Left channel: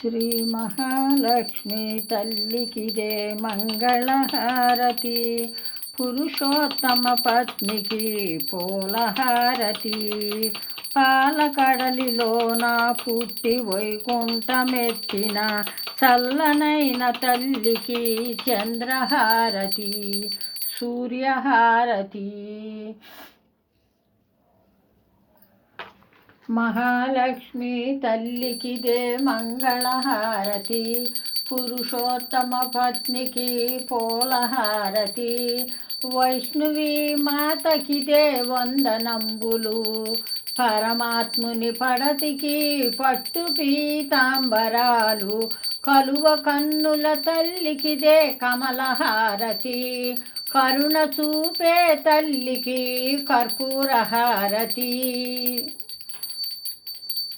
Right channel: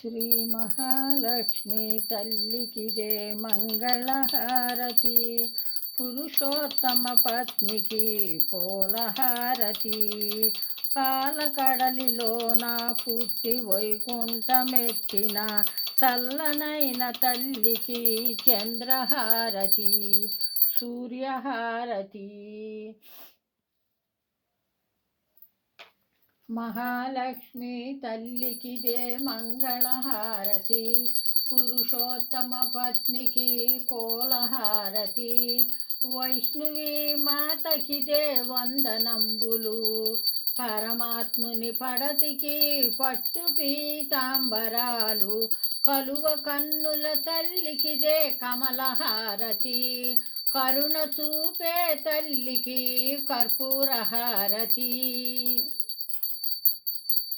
శ్రీ మహాలక్ష్మి తల్లికిదే మంగళహారతి పురుషోత్తమ పత్నికి పూలహారతి పాలకడలిలోన పుట్టి వైకుంఠమెత్తిన చల్లనైన తల్లికి చంద్రహారతి సూర్యహారతి। మహాలక్ష్మి తల్లికిదే మంగళహారతి పురుషోత్తమ పత్నికి పూలహారతి వైష్ణవి మాతకిదే వందనంబులు పరమాత్ముని పడతికి పట్టు పీతాంబరాలు కలువ కన్నుల తల్లికిదే కమలహారతి కరుణ చూపే తల్లికి కర్పూరహారతి.